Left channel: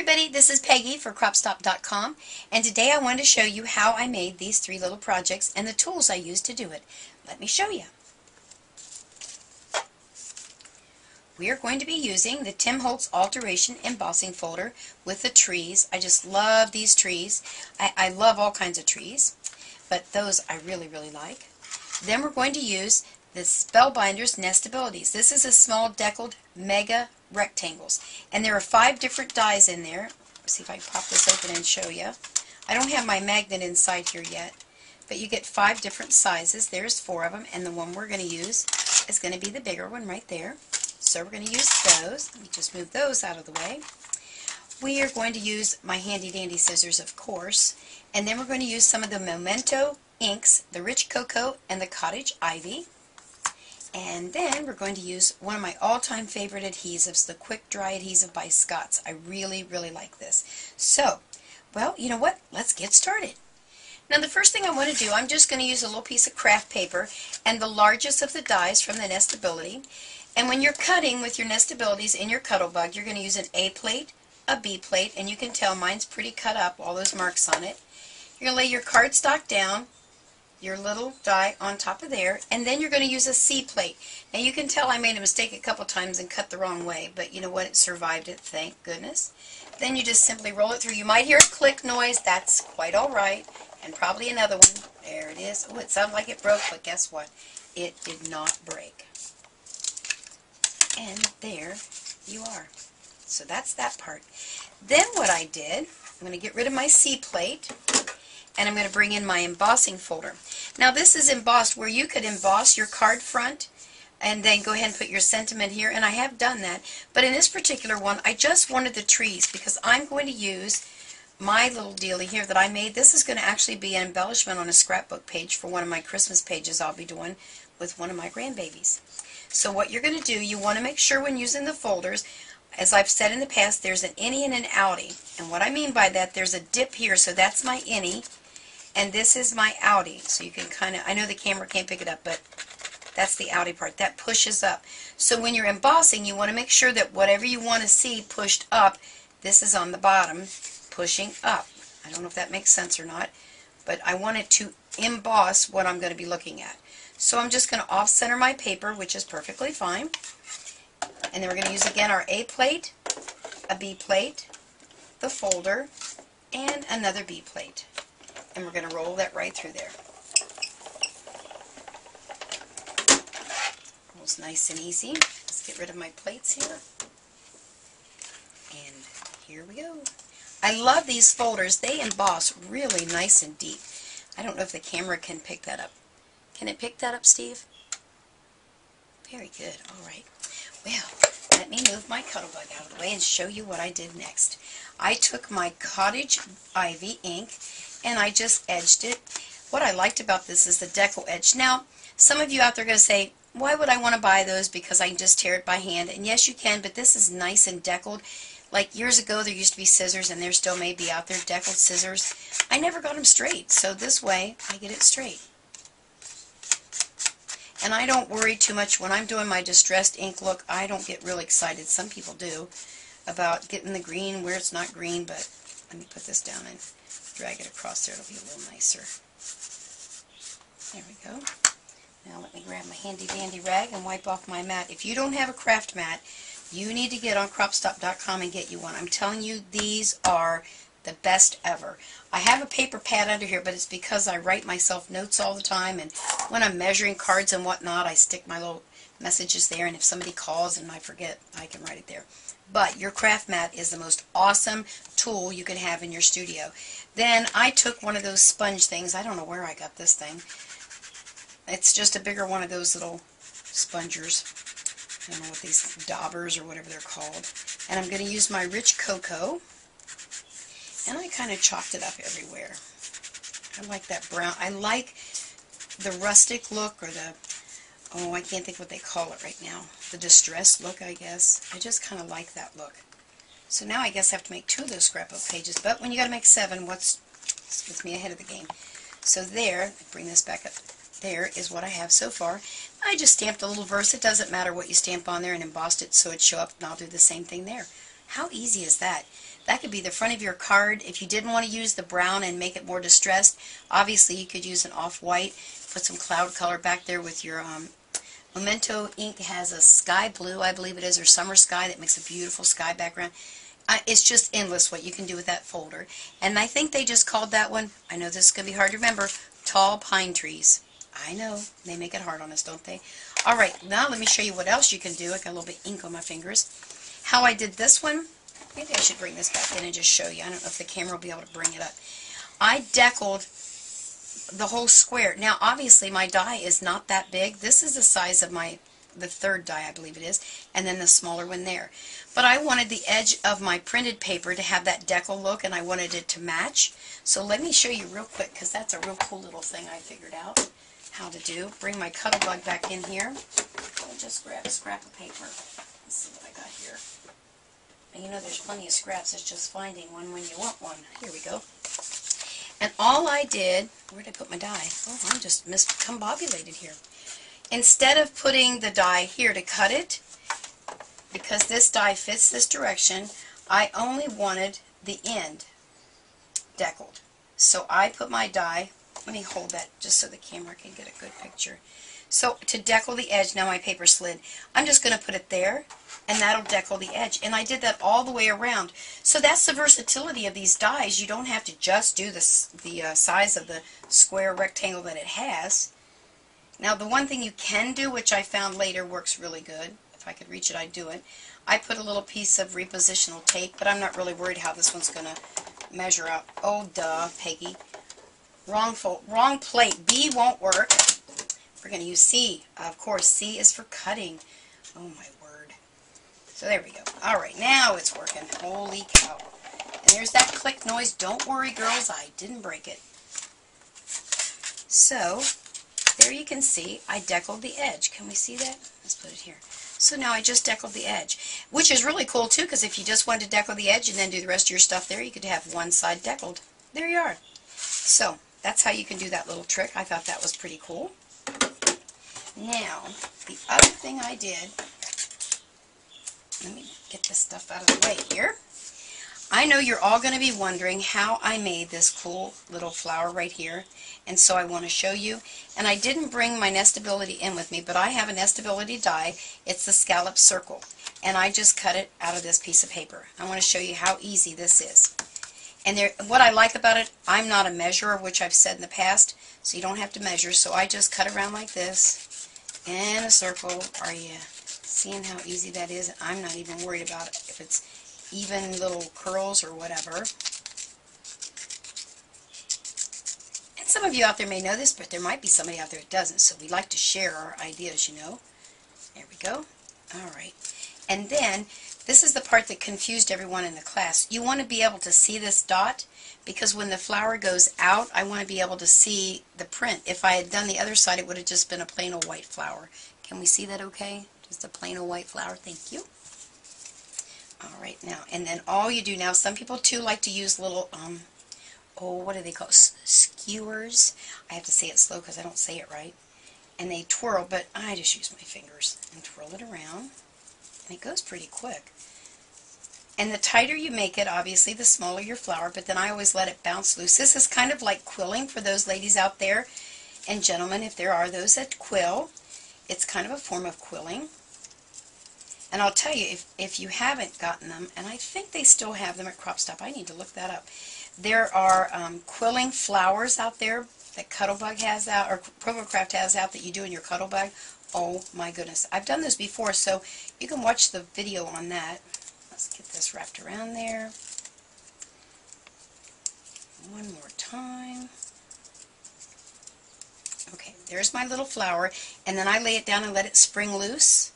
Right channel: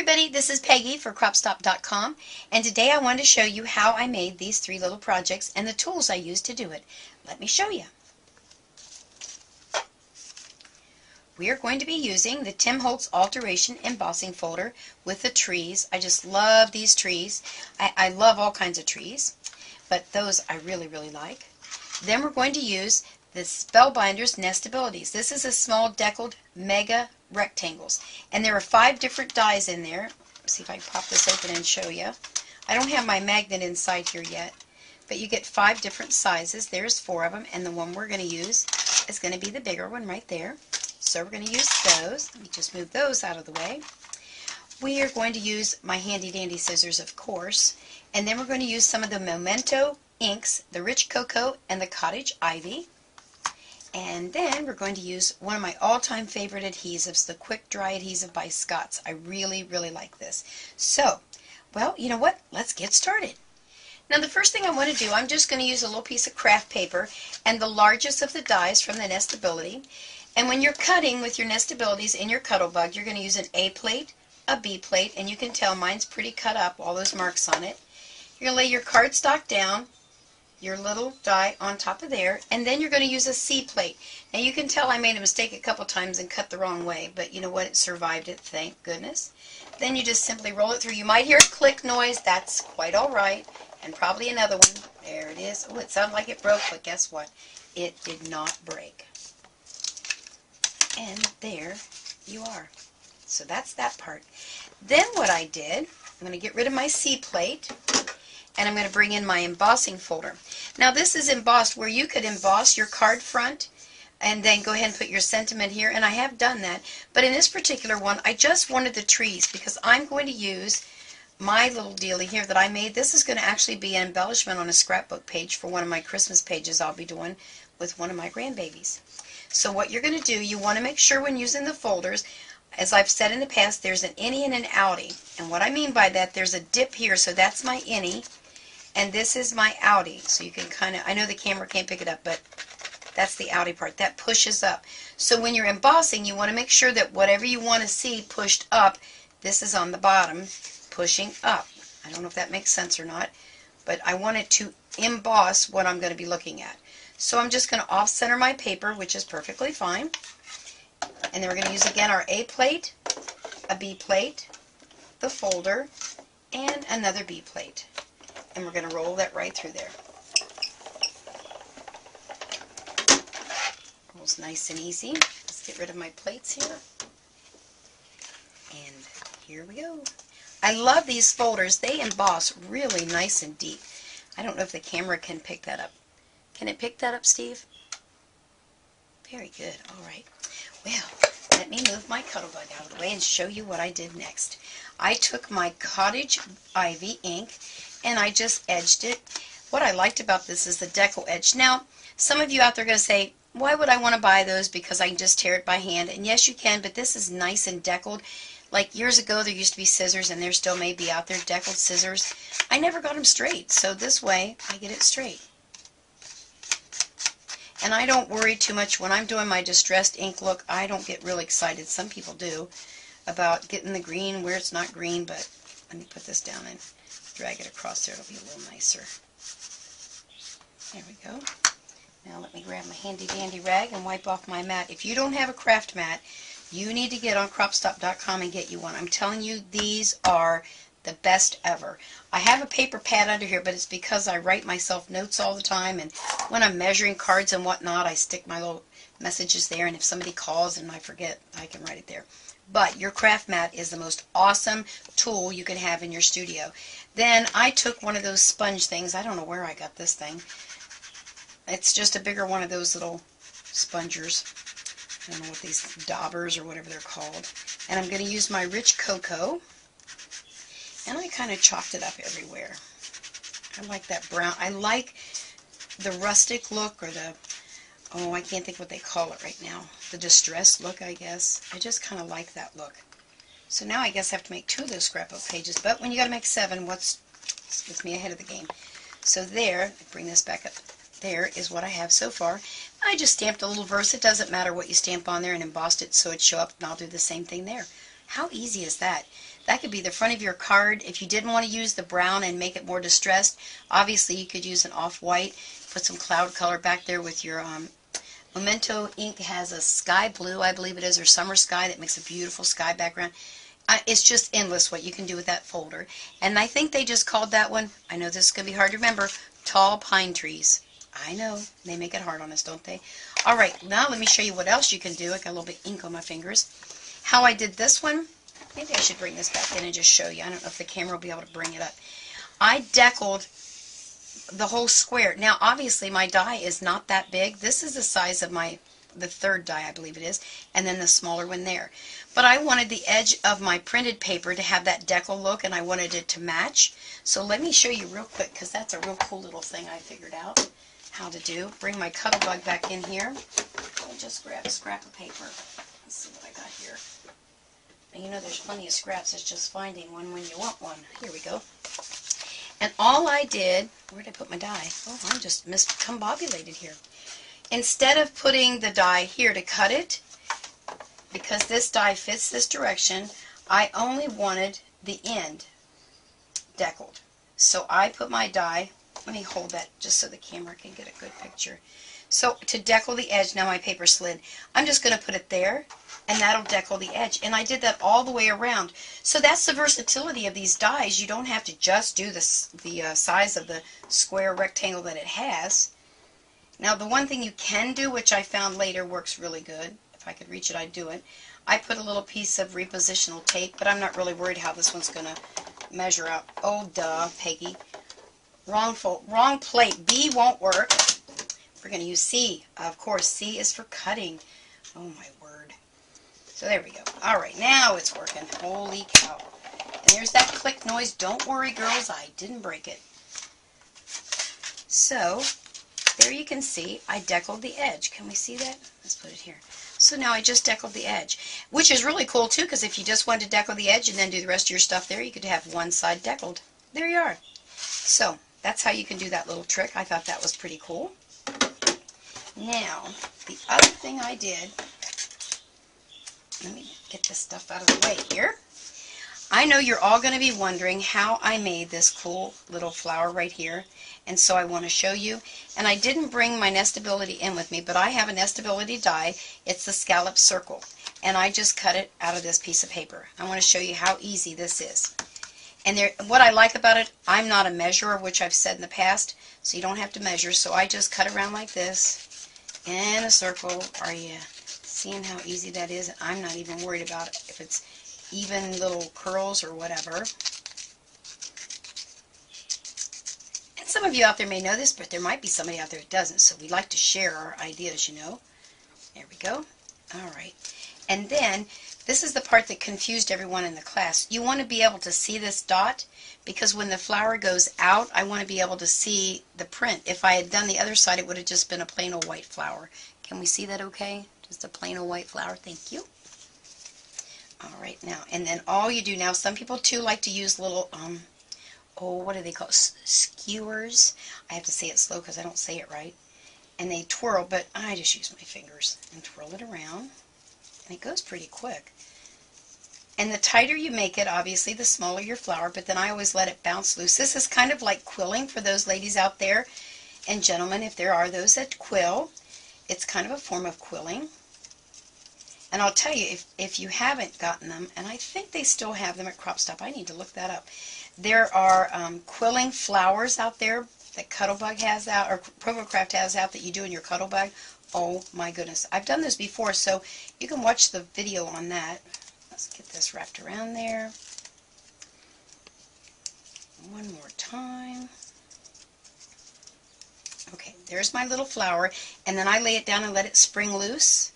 everybody, this is Peggy for Cropstop.com, and today I wanted to show you how I made these three little projects and the tools I used to do it. Let me show you. We are going to be using the Tim Holtz Alteration Embossing Folder with the trees. I just love these trees. I love all kinds of trees, but those I really like. Then we're going to use the Spellbinder's Nestabilities. This is a small deckled mega rectangles, and there are 5 different dies in there. Let's see if I can pop this open and show you. I don't have my magnet inside here yet, but you get 5 different sizes. There's 4 of them, and the one we're going to use is going to be the bigger one right there. So we're going to use those. Let me just move those out of the way. We are going to use my handy dandy scissors, of course, and then we're going to use some of the Memento inks, the Rich Cocoa and the Cottage Ivy. And then we're going to use one of my all-time favorite adhesives, the Quick Dry Adhesive by Scott's. I really like this. So, well, you know what? Let's get started. Now the first thing I want to do, I'm just going to use a little piece of craft paper and the largest of the dies from the Nestability. And when you're cutting with your Nestabilities in your Cuttlebug, you're going to use an A plate, a B plate, and you can tell mine's pretty cut up, all those marks on it. You're going to lay your cardstock down, your little die on top of there, and then you're going to use a C plate. Now you can tell I made a mistake a couple times and cut the wrong way, but you know what? It survived it, thank goodness. Then you just simply roll it through. You might hear a click noise. That's quite all right. And probably another one. There it is. Oh, it sounded like it broke, but guess what? It did not break. And there you are. So that's that part. Then what I did, I'm going to get rid of my C plate, and I'm going to bring in my embossing folder. Now this is embossed where you could emboss your card front and then go ahead and put your sentiment here, and I have done that. But in this particular one, I just wanted the trees because I'm going to use my little dealie here that I made. This is going to actually be an embellishment on a scrapbook page for one of my Christmas pages I'll be doing with one of my grandbabies. So what you're going to do, you want to make sure when using the folders, as I've said in the past, there's an innie and an outie. And what I mean by that, there's a dip here, so that's my innie. And this is my outie, so you can kind of, I know the camera can't pick it up, but that's the outie part. That pushes up. So when you're embossing, you want to make sure that whatever you want to see pushed up, this is on the bottom, pushing up. I don't know if that makes sense or not, but I want it to emboss what I'm going to be looking at. So I'm just going to off-center my paper, which is perfectly fine. And then we're going to use again our A plate, a B plate, the folder, and another B plate. And we're going to roll that right through there. Rolls nice and easy. Let's get rid of my plates here. And here we go. I love these folders. They emboss really nice and deep. I don't know if the camera can pick that up. Can it pick that up, Steve? Very good. All right. Well, let me move my Cuttlebug out of the way and show you what I did next. I took my Cottage Ivy ink and I just edged it. What I liked about this is the decal edge. Now, some of you out there are going to say, why would I want to buy those? Because I can just tear it by hand. And yes, you can, but this is nice and deckled. Like years ago, there used to be scissors, and there still may be out there deckled scissors. I never got them straight, so this way I get it straight. And I don't worry too much when I'm doing my distressed ink look. I don't get really excited. Some people do about getting the green where it's not green, but let me put this down and drag it across there. It'll be a little nicer. There we go. Now let me grab my handy dandy rag and wipe off my mat. If you don't have a craft mat, you need to get on Cropstop.com and get you one. I'm telling you, these are the best ever. I have a paper pad under here, but it's because I write myself notes all the time, and when I'm measuring cards and whatnot, I stick my little messages there, and if somebody calls and I forget, I can write it there. But your craft mat is the most awesome tool you can have in your studio. Then I took one of those sponge things. I don't know where I got this thing. It's just a bigger one of those little spongers. I don't know what these daubers or whatever they're called. And I'm going to use my Rich Cocoa. And I kind of chopped it up everywhere. I like that brown. I like the rustic look, or the, oh, I can't think what they call it right now. The distressed look, I guess. I just kind of like that look. So now I guess I have to make 2 of those scrapbook pages. But when you got to make 7, what's with me ahead of the game? So there, bring this back up. There is what I have so far. I just stamped a little verse. It doesn't matter what you stamp on there, and embossed it so it show up, and I'll do the same thing there. How easy is that? That could be the front of your card. If you didn't want to use the brown and make it more distressed, obviously you could use an off-white. Put some cloud color back there with your Memento ink has a sky blue, I believe it is, or summer sky that makes a beautiful sky background. It's just endless what you can do with that folder. And I think they just called that one, I know this is going to be hard to remember, Tall Pine Trees. I know, they make it hard on us, don't they? Alright, now let me show you what else you can do. I got a little bit of ink on my fingers. How I did this one, maybe I should bring this back in and just show you. I don't know if the camera will be able to bring it up. I deckled the whole square. Now obviously my die is not that big. This is the size of the third die, I believe it is, and then the smaller one there. But I wanted the edge of my printed paper to have that decal look, and I wanted it to match. So let me show you real quick, because that's a real cool little thing I figured out how to do. Bring my Cuttlebug back in here. I'll just grab a scrap of paper. Let's see what I got here. And you know there's plenty of scraps. It's just finding one when you want one. Here we go. And all I did, where did I put my die? Oh, I'm just miscombobulated here. Instead of putting the die here to cut it, because this die fits this direction, I only wanted the end deckled. So I put my die, let me hold that just so the camera can get a good picture. So to decal the edge, now my paper slid, I'm just going to put it there, and that'll decal the edge. And I did that all the way around. So that's the versatility of these dies. You don't have to just do the size of the square rectangle that it has. Now the one thing you can do, which I found later works really good, if I could reach it I'd do it, I put a little piece of repositional tape, but I'm not really worried how this one's going to measure out. Oh duh, Peggy. Wrong plate. B won't work. We're going to use C. Of course, C is for cutting. Oh my word. So there we go. Alright, now it's working. Holy cow. And there's that click noise. Don't worry girls, I didn't break it. So there you can see I deckled the edge. Can we see that? Let's put it here. So now I just deckled the edge, which is really cool too, because if you just wanted to deckle the edge and then do the rest of your stuff there, you could have one side deckled. There you are. So that's how you can do that little trick. I thought that was pretty cool. Now, the other thing I did, let me get this stuff out of the way here. I know you're all going to be wondering how I made this cool little flower right here, and so I want to show you. And I didn't bring my Nestability in with me, but I have a Nestability die. It's the scallop circle, and I just cut it out of this piece of paper. I want to show you how easy this is. And what I like about it, I'm not a measurer, which I've said in the past, so you don't have to measure. So I just cut around like this in a circle. Are you seeing how easy that is? I'm not even worried about it if it's even little curls or whatever. And some of you out there may know this, but there might be somebody out there that doesn't, so we like to share our ideas, you know. There we go. Alright. And then, this is the part that confused everyone in the class. You want to be able to see this dot, because when the flower goes out, I want to be able to see the print. If I had done the other side, it would have just been a plain old white flower. Can we see that okay? Just a plain old white flower. Thank you. Alright, now, and then all you do now, some people too like to use little, what do they call it? Skewers. I have to say it slow because I don't say it right. And they twirl, but I just use my fingers and twirl it around. And it goes pretty quick. And the tighter you make it, obviously, the smaller your flower, but then I always let it bounce loose. This is kind of like quilling for those ladies out there, and gentlemen, if there are those that quill. It's kind of a form of quilling. And I'll tell you, if you haven't gotten them, and I think they still have them at Crop Stop, I need to look that up. There are quilling flowers out there that Cuttlebug has out, or Provocraft has out, that you do in your Cuttlebug. Oh my goodness. I've done this before, so you can watch the video on that. Let's get this wrapped around there. One more time. Okay, there's my little flower, and then I lay it down and let it spring loose.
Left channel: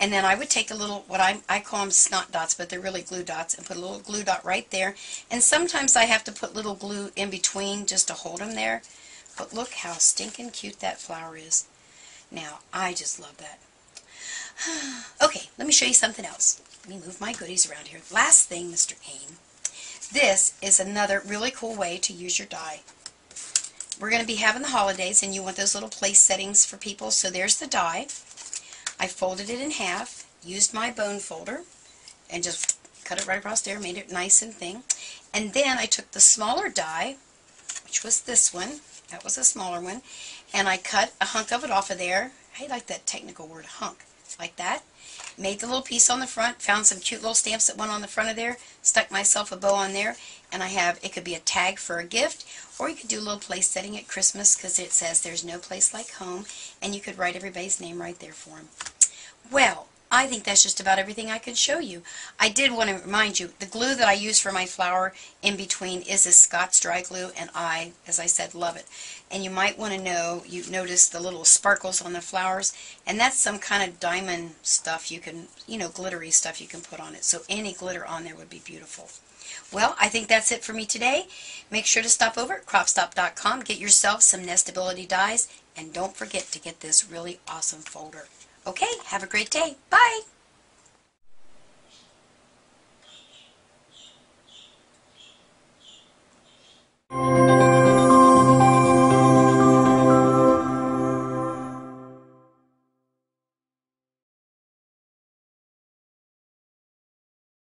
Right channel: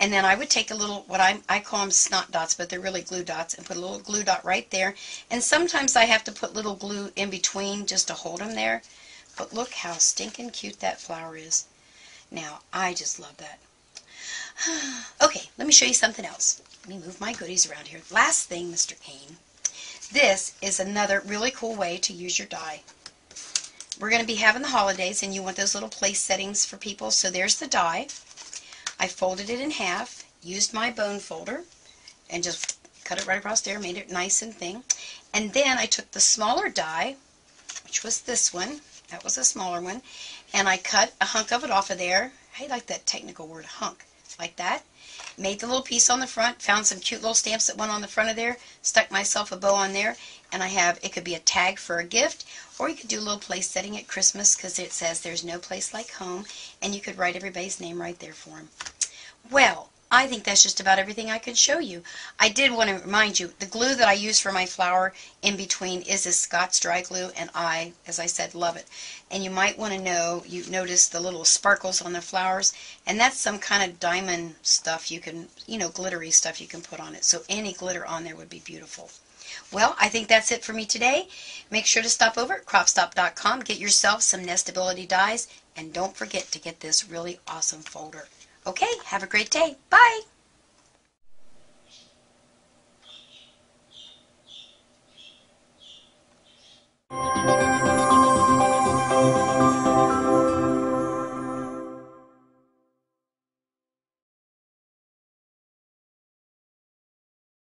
And then I would take a little, what I call them snot dots, but they're really glue dots, and put a little glue dot right there. And sometimes I have to put little glue in between just to hold them there. But look how stinking cute that flower is. Now, I just love that. Okay, let me show you something else. Let me move my goodies around here. Last thing, Mr. Kane. This is another really cool way to use your die. We're going to be having the holidays, and you want those little place settings for people. So there's the die. I folded it in half, used my bone folder, and just cut it right across there, made it nice and thin. And then I took the smaller die, which was this one. That was a smaller one. And I cut a hunk of it off of there. I like that technical word, hunk. Like that. Made the little piece on the front. Found some cute little stamps that went on the front of there. Stuck myself a bow on there. And I have, it could be a tag for a gift. Or you could do a little place setting at Christmas because it says there's no place like home. And you could write everybody's name right there for them. Well, I think that's just about everything I can show you. I did want to remind you, the glue that I use for my flower in between is this Scott's Dry Glue, and I, as I said, love it. And you might want to know, you notice the little sparkles on the flowers, and that's some kind of diamond stuff you can, glittery stuff you can put on it. So any glitter on there would be beautiful. Well, I think that's it for me today. Make sure to stop over at cropstop.com, get yourself some Nestability dies, and don't forget to get this really awesome folder. Okay, have a great day. Bye!